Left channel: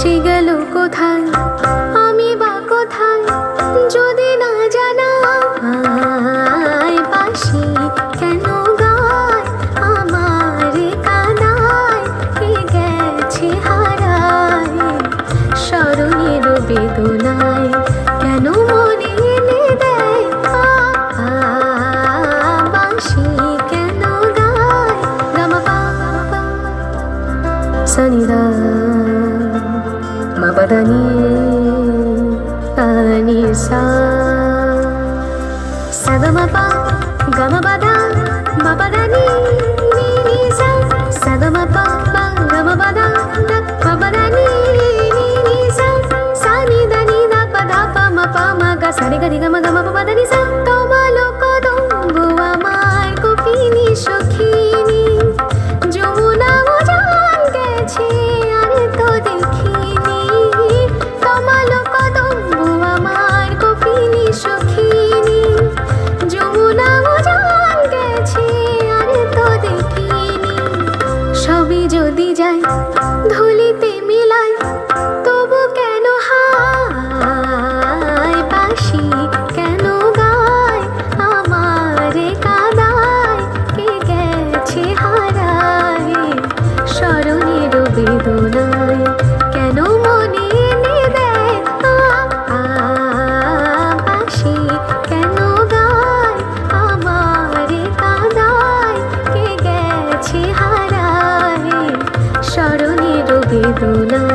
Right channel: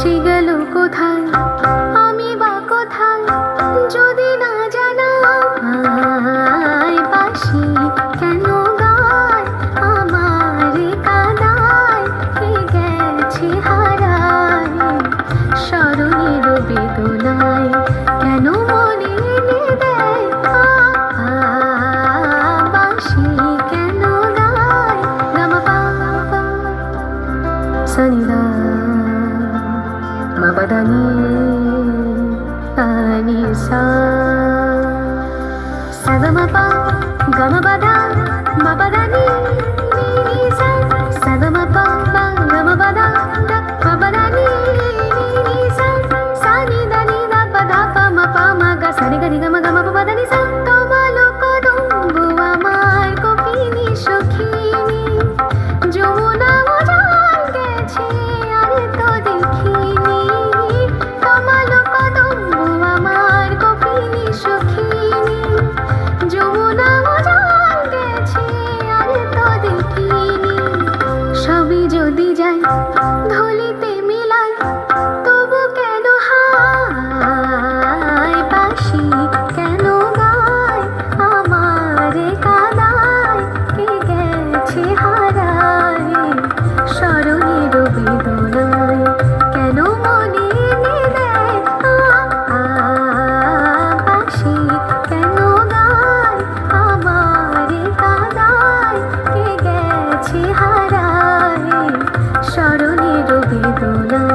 সে গেল কোথায়, আমি বা কোথায় যদি না জানাই। বাঁশি কেন গায় আমার কাদায়, কে গেছে হারায় স্মরণের বেদনায়, কেন মনে এনে দেয় বাঁশি কেন গায়। গামা পাপা সনিদা মপদানি তানি সা সদমপা গমপদা মপদানি নি সা সদমপা গমপদা মপদানি নি সা সানি দানি দা পদা পা মপা মগা সানি গরি গম গম পদানি সা। তোমালো কদম্বু আমার কপিনি সখিনী, যমুনা উজান গেছে আর তো দেখিনি। তোমালো কদম্বু আমার কপিনি সখিনী, যমুনা উজান গেছে আর তো দেখিনি। সবই যদি যাই ধুলিতে মিলাই, তবু কেন হায় বাঁশি কেন গায় আমার কাদায়, কে গেছে হারায় স্মরণের বেদনায়, কেন মনে এনে দেয় বাঁশি কেন গায় আমার কাদায়, কে গেছে হারায় স্মরণের বেদনায়।